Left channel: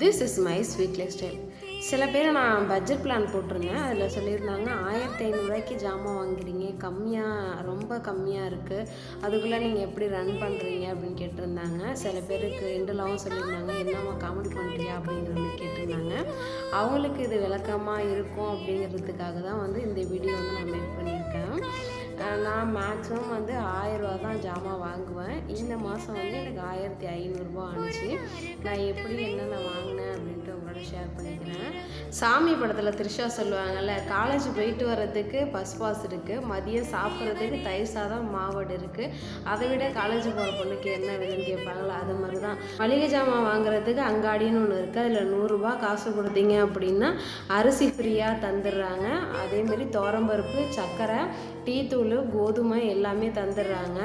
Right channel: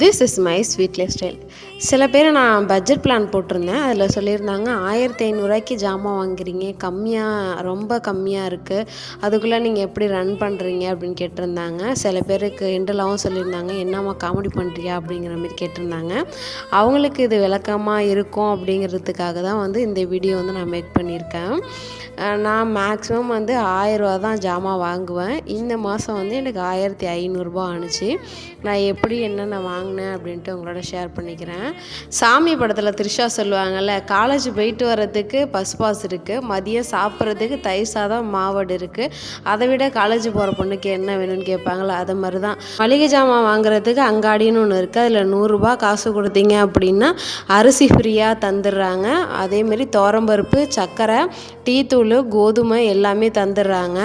This is my sweet lifestyle சில பேர் நான் பட்ஜெட் பிளான் போட்டிருந்தேன். அதில் சொல்லியிருந்தாங்க ஆயிரத்தி ஐநூறுரூவாய்க்கு ஜாமான் வாங்குறீங்க கம்மியாக ரொம்ப கம்மியாக இருக்குது அதுக்குள்ளே நீங்கள் எப்படி ரன் பண்ணுறீங்க அப்படின்னு கேட்டிருந்தாங்க. சில பேருக்கு இண்டலாகவும் சொல்லியிருந்தாங்க என்னம்மா காமெடி பண்ணுறியா அப்படிங்கிற மாதிரி கேட்டிருந்தாங்க. அவங்களுக்கு இது விளக்கமாக இருக்கும் அப்படிங்கிறதுக்காக தான் வந்து இந்த வீடியோ வந்து நான் மேக் பண்ணியிருக்கேன். நான் மேக்ஸிமம் வந்து ஆயிரரூவா தான் ஜாமான் வாங்குவேன். இந்த மாதம் வந்து எனக்கு ஆயிரத்தி ஐநூறுரூபா ஆணுச்சு. நான் எப்படி என்னென்ன வாங்கினேன் அப்படின்ட்டு உங்களோட ஷேர் பண்ணிக்கிறேன். சாமி படத்தில் த்ரிஷா சொல்லுவாங்கள்ல காலேஜ் போயிட்டு வர்றதுக்கு பஸ் பாஸ் இருக்குது மதியம் சாப்பிட்றதுக்கு தயிர் சாதம் மாவடு இருக்குது அதை விட காலேஜ் போகிற பொண்ணுக்கு என்ன வேணும்னு கேட்பாங்களே அது மாதிரி தான் மளிகை ஜாமான் வாங்குறதுக்கு அங்காடின்னு ஒன்று இருக்குது அதில் நூறுரூபா காசு கொடுத்தீங்க அப்படின்னா அரிசி ஃப்ரீயாக தந்துடுறாங்க. அதேமாரி தோரம்பருப்பு சர்க்கரை டீ தூள் கோதுமை எல்லாமே தந்துடுறாங்க.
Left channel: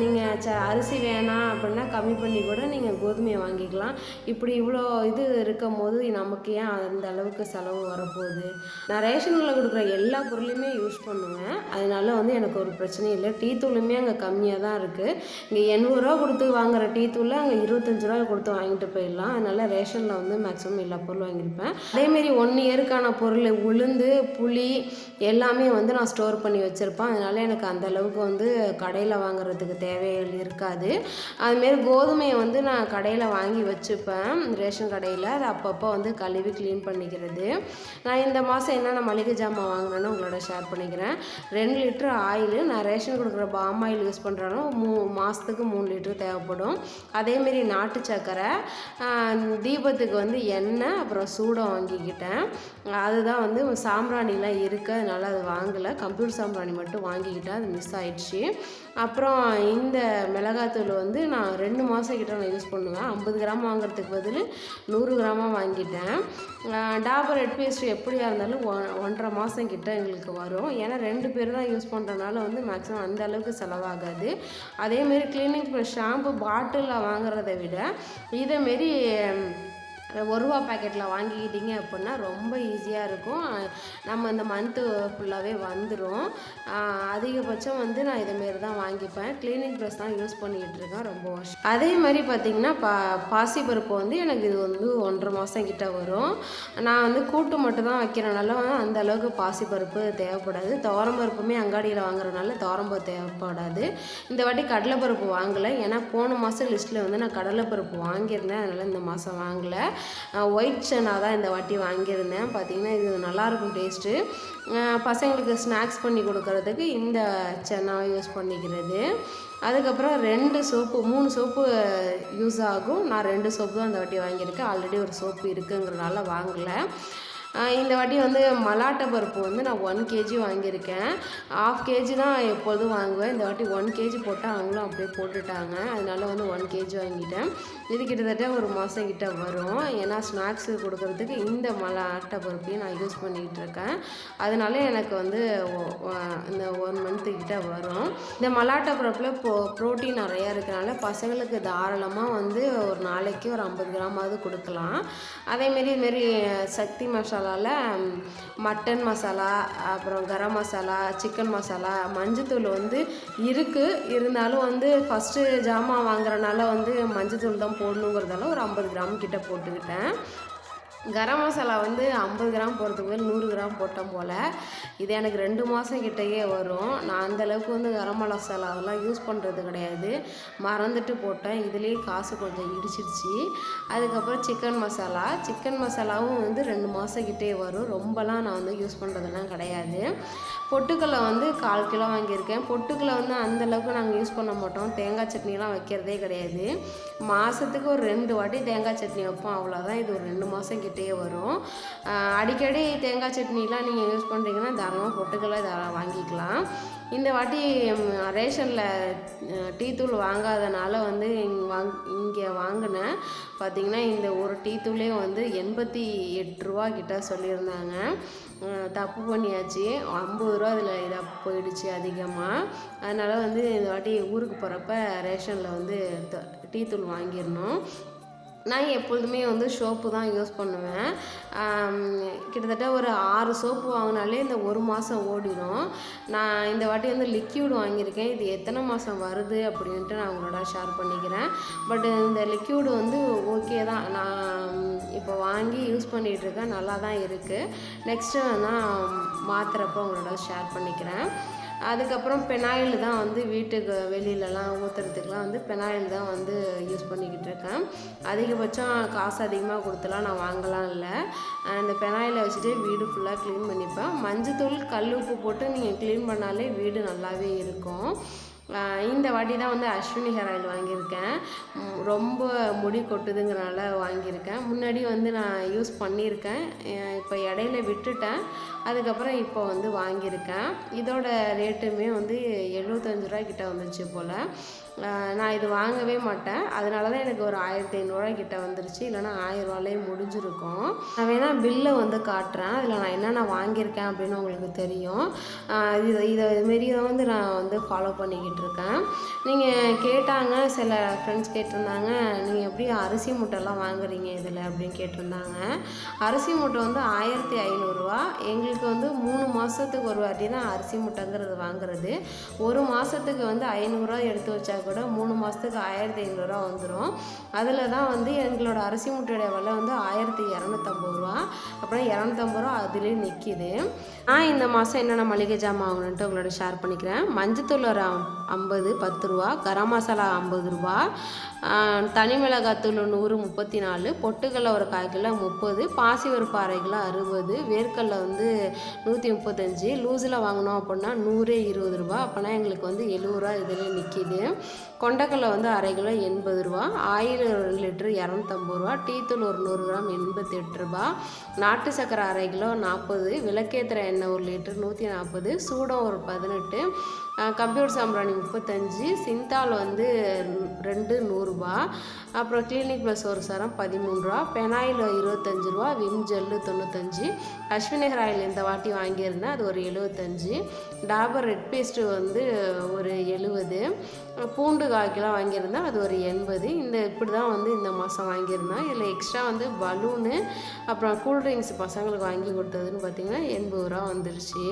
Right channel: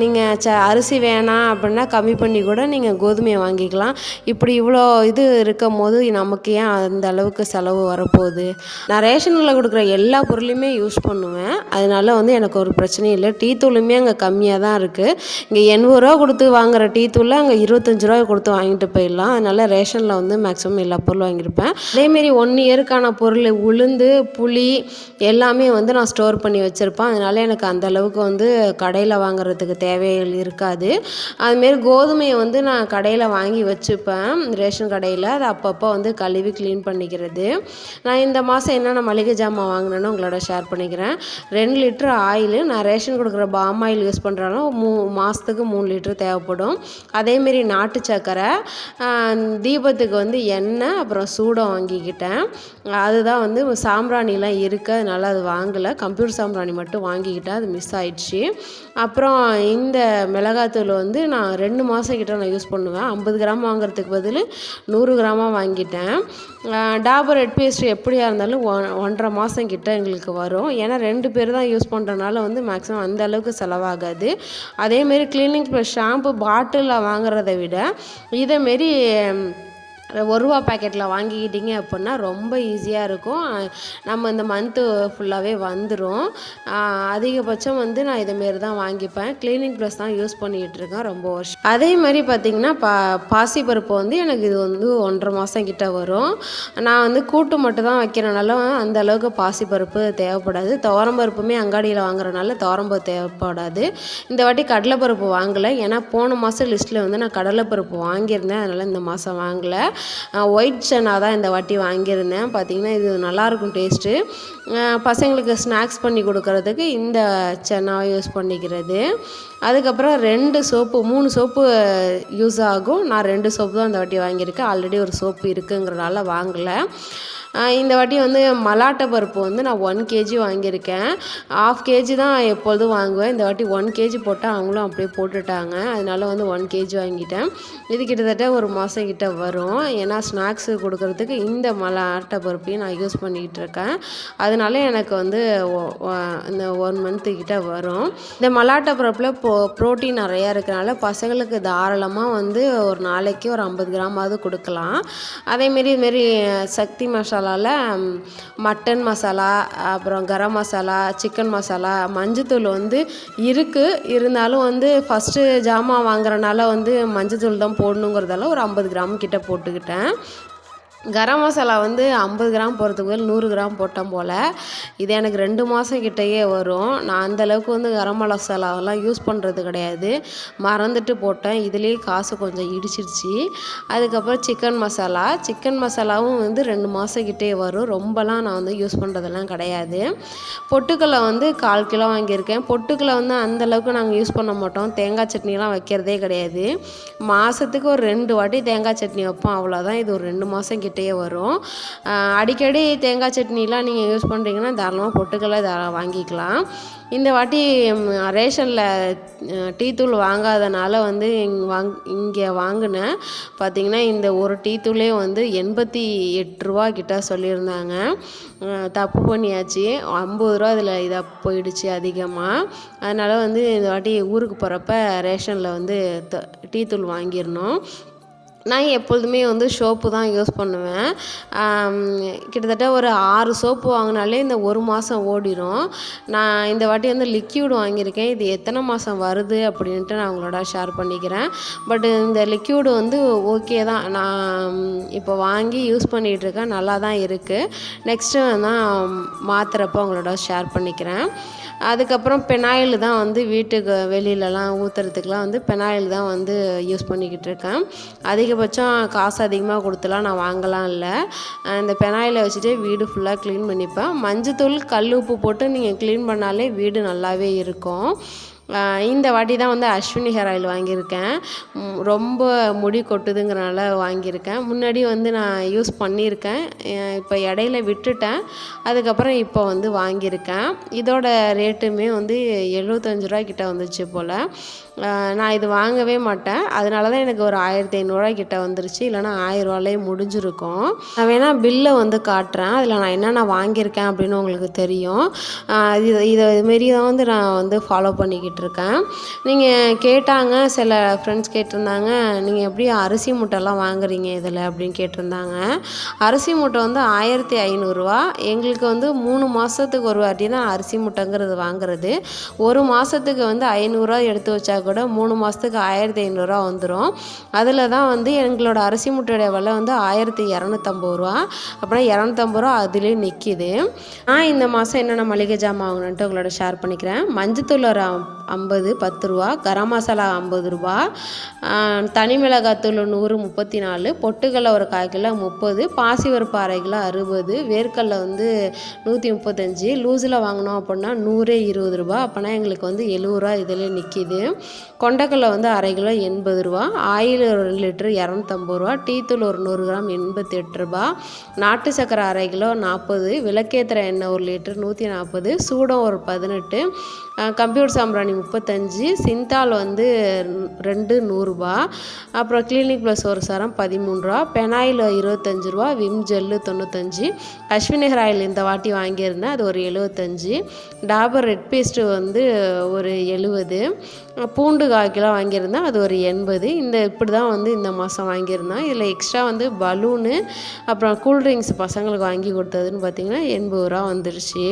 நீங்கள் ச அரிசி வேணாம் அப்படின்னா கம்மி பண்ணி கூட நீங்கள் கோதுமையை வாங்கிக்கலாம். இப்படி இவ்வளோ இது இருக்கும் போது நமக்கு ஏன் அந்த அளவுக்கு செலவு வரப்போகுது? நான் ரேஷனில் கொடுக்குற எல்லா பொருளையுமே யூஸ் பண்ணுவேன். அதனால வந்து எனக்கு ஒரு பிரச்சனையும் இல்லை. டீ தூளுமே அங்கே கம்மியாக தான் இருக்குது இங்கே எண்பது ரூபா கொடுத்து வாங்குற டீ தூளை அங்கே இருபத்தஞ்சி ரூபா கொடுத்து வாங்கிட்டு போயிடலாம். அதனால ரேஷனில் வந்து மேக்ஸிமம் எல்லா பொருளும் வாங்கியிருப்பேன். அதேமாரி ஒன் இயருக்கான பொருள் உளுந்து புளி எல்லாமே வந்து நான் ஸ்டோர் பண்ணி வச்சுருப்பேன். அதனால எனக்கு அந்த அளவுக்கு வந்து கடையில் வாங்குறதுக்கு தேவைகள் இருக்காது. அதுமாரி கோதுமையை வந்து நான் கடையில் வாங்கி வச்சுப்பேன். ரேஷன் கடையில் அதை அப்பப்போ வந்து கழுவி க்ளீன் பண்ணிக்கிறது. நான் இந்த மாதம் என்னென்ன மளிகை ஜாமான் வாங்கினேன்னு உங்களோட ஷேர் பண்ணிக்கிறேன். ரெண்டு லிட்டர் ஆயில் நான் ரேஷன் கொடுக்குற பாம் ஆயில் யூஸ் பண்ணுறாலும் மூ மாதத்துக்கு மூணு லிட்டர் தேவைப்படும். அதேமாரி நாட்டு சர்க்கரை தீபத்துக்கு வந்து எண்ணெய் அப்புறம் சூடம் வாங்கிக்கிட்டேன். அதுதான் வந்து சாம்பிராணிலாம் இருக்குது அதனால அது வாங்கலை. கம்ப்யூட்டர் சாம்பிராணி மட்டும் வாங்கிக்கிட்டேன் அது மிஸ் ஆயிடுச்சு. அப்புறம் இந்த மிளகாத்தூள் வந்து நான் ரெண்டு மாதம் கிட்ட நான் யூஸ் பண்ணுவேன். ஐம்பது கிராம் வாங்குறதுக்கு பதில் நூறு கிராமாக வாங்கிட்டேன். டாபர் ரெட் பேஸ்ட் எப்படியா இருந்தாலும் ஒன்றரை மாதம் கிட்ட எங்களுக்கு வரும். ஏன்னா ரெண்டு பேர் தான் யூஸ் பண்ணுறனால வந்து மேக்ஸிமம் அந்த அளவுக்கு செலவாகாது. அதேமாரி கிளீனிங் ப்ளஸ் ஷாம்பு பாட்டிலில் வாங்குறதை விட இதேமாரி ஒரு ரூபா பேக்கெட்டில் வாங்கிக்கிட்டீங்க அப்படின்னா ரொம்ப ஈஸியாக இருக்கும். நம்ம இந்த மந்த்து ஃபுல்லாகவே வந்துடும் அதிகபட்சம் வந்து நான் இதேமாரி தான் வாங்கிப்பேன். க்ளீனிங் ப்ளஸ் தான் யூஸ் பண்ணிகிட்டு இருக்கேன் ரொம்ப வருஷம். அதே மாதிரி பார்த்திங்கன்னா பா பாசிப்பருப்பு வந்து எனக்கு இது வந்து ஒன்றரை மாதம் கிட்ட வரும். நான் வந்து கூட்டு மட்டும் தான் வைக்கிறனால அந்த அளவுக்கு பாசிப்பருப்பு தேவைப்படாது. துவரம்பருப்புமே அங்காடியில் வாங்குறதுனால துவரம்பருப்பு தேவைப்படாது. இந்த வாட்டி கடலைப்பருப்பு வாங்கலை. ஏன்னா போன மாதம் லிஸ்ட்டில் வந்து நான் கடலைப்பருப்பு வாங்கியிருந்தேன். அதனால் இந்த மாதம் வாங்கலை. ஒயிட் சன்னா தான் இந்த வாட்டி வாங்கியிருந்தேன். பார்த்திங்கன்னா இது நல்லாயிருக்கும் டேஸ்ட்டு பசங்களுக்கு ஸ்நாக்ஸ் பண்ணி கொடுக்கறதுக்கு இந்த சென்னாவை யூஸ் பண்ணிக்கிறது. அதுக்கப்புறம் ரெண்டு சோப்பு மூணு சோப்பு யூஸ் ஆகும். நான் ரெண்டு சோப்பு தான் இந்த வாட்டி வாங்கியிருக்கேன். ஆல்ரெடி ஒரு சோப்பு இருக்குங்கிறனால வாங்கலை. இந்த வாட்டி வந்து மலாட்டை பருப்பு வந்து நான் ஒன் கேஜி வாங்கியிருக்கேன். ஆஃப் கேஜி தான் எப்பொழுதும் வாங்குவேன். இந்த வாட்டி ஒன் கேஜி போட்டால் அவங்களும் அப்படியே போட்டுட்டாங்க. அதனால வந்து ஒன் கேஜி வாங்கிட்டேன். இது கிட்டத்தட்ட ஒரு மாதம் கிட்ட வரும். ஏன்னா ஸ்நாக்ஸு கொடுக்கறதுக்கு இந்த மலாட்டை பருப்பையும் நான் யூஸ் பண்ணிக்கிட்டு இருக்கேன். அதனால எனக்கு வந்து இந்த ஒன் மந்த்து கிட்ட வரும். இந்த மலாட்டை பருப்பில் ப்ரோ ப்ரோட்டீன் நிறையா இருக்கிறனால பசங்களுக்கு தாராளமாக வந்து ஒரு நாளைக்கு ஒரு ஐம்பது கிராமாவது கொடுக்கலாம். அதேமாரி இதுமாரி சக்தி மசாலாவில் மட்டன் மசாலா அப்புறம் கரம் மசாலா சிக்கன் மசாலா மஞ்சத்தூள் வந்து இருக்குது இருந்தாலும் வந்து ஃபஸ்ட்டு ஜாமான் வாங்குறனால வந்து மஞ்சத்தூள் தான் போடணுங்கிறதால ஒரு ஐம்பது கிராம் கிட்ட போட்டுக்கிட்டேன். கரம் மசாலா வந்து ஐம்பது கிராம் போகிறதுக்கு பதில் நூறு கிராம் போட்டோம் போல். இது எனக்கு ரெண்டு மாதம் கிட்டேயே வரும். நான் அந்த அளவுக்கு வந்து கரம் மசாலாவெல்லாம் யூஸ் பண்ணுறது கிடையாது. மறந்துட்டு போட்டேன். இதுலேயே காசு கொஞ்சம் இடிச்சிருச்சு. அதுக்கப்புறம் சிக்கன் மசாலா சிக்கன் மசாலாவும் வந்து ரெண்டு மாதம் கிட்டே வரும். ரொம்பலாம் நான் வந்து யூஸ் பண்ணுறதெல்லாம் கிடையாது. பொட்டுக்கல்லை வந்து கால் கிலோ வாங்கியிருக்கேன். பொட்டுக்களை வந்து அந்தளவுக்கு நாங்கள் யூஸ் பண்ண மாட்டோம். தேங்காய் சட்னிலாம் வைக்கிறதே கிடையாது. மாதத்துக்கு ஒரு ரெண்டு வாட்டி தேங்காய் சட்னி வைப்போம். அவ்வளோதான் இது ஒரு ரெண்டு மாதம் கிட்டேயே வரும். அடிக்கடி தேங்காய் சட்னிலாம் நீங்கள் யூஸ் பண்ணுறீங்கன்னா தாராளமாக பொட்டுக்கல்லை தாராளம் வாங்கிக்கலாம். இந்த வாட்டி ரேஷனில் டீ தூள் வாங்காதனால வந்து வாங் இங்கே வாங்கினேன். பார்த்தீங்கன்னா இந்த ஒரு டீ தூளே வந்து எண்பத்தி எட்டு ரூபா கிட்ட சொல்லியிருந்தாங்க. தப்பு பண்ணியாச்சு. ஐம்பது ரூபா அதில் இதாக போயிடுச்சு அதிகமாக அதனால் வந்து இந்த வாட்டி ஊருக்கு போகிறப்ப ரேஷனில் வந்து த- டீ தூள் வாங்கிடணும். நான் எப்பொழுதுமே வந்து சோப்பு தான் யூஸ் பண்ணுவேன். கிட்டத்தட்ட ஒரு ஆறு சோப்பு வாங்கினாலே இந்த ஒரு மாதம் ஓடிடும் நான் இந்த வாட்டி வந்து லிக்யூடு வாங்கியிருக்கேன். இது எத்தனை மாதம் வருது அப்படின்ட்டு நான் உங்களோட ஷேர் பண்ணிக்கிறேன். பட் இந்த லிக்யூடு வந்து ஓகே தான். நான் இப்போ வாங்கி யூஸ் பண்ணிகிட்ருக்கேன் நல்லா தான் இருக்குது நெக்ஸ்ட்டு நான் மாத்திரப்போ உங்களோட ஷேர் பண்ணிக்கிறேன். அதுக்கப்புறம் பெனாயில் தான் வந்து வீட்டுக்கு வெளியிலலாம் ஊற்றுறதுக்குலாம் வந்து பெனாயில் தான் வந்து யூஸ் பண்ணிக்கிட்டு இருக்கேன். அதிகபட்சம் காசு அதிகமாக கொடுத்துலாம் நான் வாங்கலாம் இல்லை. இந்த பெனாயிலை வச்சுட்டு வீடு ஃபுல்லாக க்ளீன் பண்ணிப்பேன். மஞ்சத்தூள் கல் உப்பு போட்டு நீங்கள் க்ளீன் பண்ணாலே வீடு நல்லாவே இருக்கும். இந்த வாட்டி தான் வந்து அஸ்வினி ஹேர் ஆயில் வாங்கியிருக்கேன். ரொம்ப முடி கொட்டுதுங்கிறனால வாங்கியிருக்கேன். முன்னாடி வந்து நான் யூஸ் பண்ணியிருக்கேன். இப்போ இடையில விட்டுட்டேன். அதுக்கப்புறம் இப்போ வந்து வாங்கியிருக்கேன். இதோட ரேட்டுமே வந்து எழுபத்தஞ்சு ரூபா கிட்ட வந்துச்சு போல். நான் இது வாங்கவே மாட்டேன். அதனால தான் எனக்கு ஒரு ஆயிரத்தி ஐநூறுரூவா கிட்ட வந்துருச்சு. இல்லைனா ஆயிரரூவாலே முடிஞ்சிருக்கும். நான் வேணால் பில்லை வந்து காட்டுறேன். அதில் நான் என்னென்ன வாங்கியிருக்கேன் அப்படின்னு உங்களுக்கு தெரியும். இது இதை இதுமாரி தான் வந்து நான் வந்து ஃபாலோ பண்ணிக்கிட்டு இருக்கேன். நீங்கள் கேட்டாங்க சில ஃப்ரெண்ட்ஸ் கேட்டிருந்தாங்க நீங்கள் எப்படி அரிசி மூட்டைலாம் வாங்குறீங்க இதில்? அப்படின்னு கேட்டிருந்தாங்க. அரிசி மூட்டை வந்து ஆயிரத்தி ஐநூறுரூவா எங்களுக்கு வந்து மூணு மாதத்துக்கு ஒரு வாட்டி தான் அரிசி மூட்டைங்கிறது வாங்குறது. ஒரு மாதத்துக்கு வந்து ஐநூறுரூவா எடுத்து வச்சா கூட மூணு மாதத்துக்கு ஆயிரத்தி ஐநூறுரூவா வந்துடும் அதில் தான் வந்து எங்களோட அரிசி மூட்டையோட விலை வந்து ஆயிரத்தி இரநூத்தம்பது ரூபா. அப்புறம் இரநூத்தம்பது ரூபா அதுலேயும் நிற்கிது நான் இந்த மாதம் என்னென்ன மளிகை ஜாமான் வாங்கணுன்ட்டு உங்களோட ஷேர் பண்ணிக்கிறேன். மஞ்சத்தூள் ஒரு ஐம்பது பத்து ரூபா. கரம் மசாலா ஐம்பது ரூபா. தனி மிளகாத்தூள் நூறு முப்பத்தி நாலு பொட்டுக்கடலை ஒரு கால் கிலோ முப்பது. பாசி ஒரு பாறை கிலோ அறுபது. வேர்க்கடலை வந்து நூற்றி முப்பத்தஞ்சு. லூஸில் வாங்கினோம் அப்படின்னா நூறே இருபது ரூபா. அப்போனா எங்களுக்கு வந்து எழுபது ரூபா இதில் நிற்கிது கொண்டக்கடலை வந்து அரை கிலோ எண்பது ரூபா ஆயில் ஒரு லிட்டரு லிட்ரு இரநூத்தம்பது ரூபா டீத்தூள் ஒரு நூறு கிராம் எண்பத்தி எட்டு ரூபா நாட்டு சக்கரை அரை கிலோ நாற்பது விளக்கேற்றுற எண்ணெய் ஒரு லிட்டர் நூற்றி நாற்பது சூடம் ஒரு பதினெட்டு கம்ப்யூட்டர் சாம்பிராணி முப்பத்தஞ்சு சிந்தால் வந்து ரெண்டு நூறுரூபா அப்புறம் கிளினிக் ப்ளஸ் ஒரு சரம் பதிமூணு ரூபா பெனாயில் இருபத்தஞ்சு ரூபா விம் ஜெல்லு தொண்ணூத்தஞ்சு அஸ்வினிகர் ஆயில் இந்த வாட்டி வாங்கியிருந்தேன் அது ஒரு எழுபத்தஞ்சி டாபர் ரெட் பேஸ்ட்டு வந்து ஒரு எழுபது பூண்டு கால் கிலோ வாங்கியிருந்தேன். அது ஒரு எண்பது. இந்த இப்படி தான் வந்து இந்த மாதம் வாங்கியிருந்தேன் இதில் எக்ஸ்ட்ரா வந்து பலூனு அப்புறம் கூல்ட்ரிங்க்ஸ் பசங்களுக்கு வாங்கி கொடுத்ததுன்னு பார்த்திங்கன்னா எண்பது ரூபா வந்துருச்சு.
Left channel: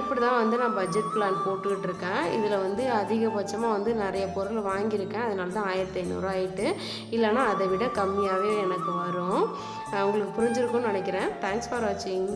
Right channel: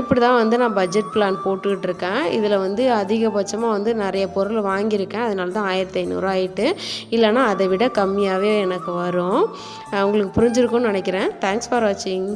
இப்படி தான் வந்து நான் பட்ஜெட் பிளான் போட்டுக்கிட்டு இருக்கேன். இதில் வந்து அதிகபட்சமாக வந்து நிறைய பொருள் வாங்கியிருக்கேன். அதனால தான் ஆயிரத்தி ஐநூறுரூவா ஆகிட்டு இல்லைனா அதை விட கம்மியாகவே எனக்கு வரும். உங்களுக்கு புரிஞ்சிருக்கும்னு நினைக்கிறேன். தேங்க்ஸ் ஃபார் வாட்சிங்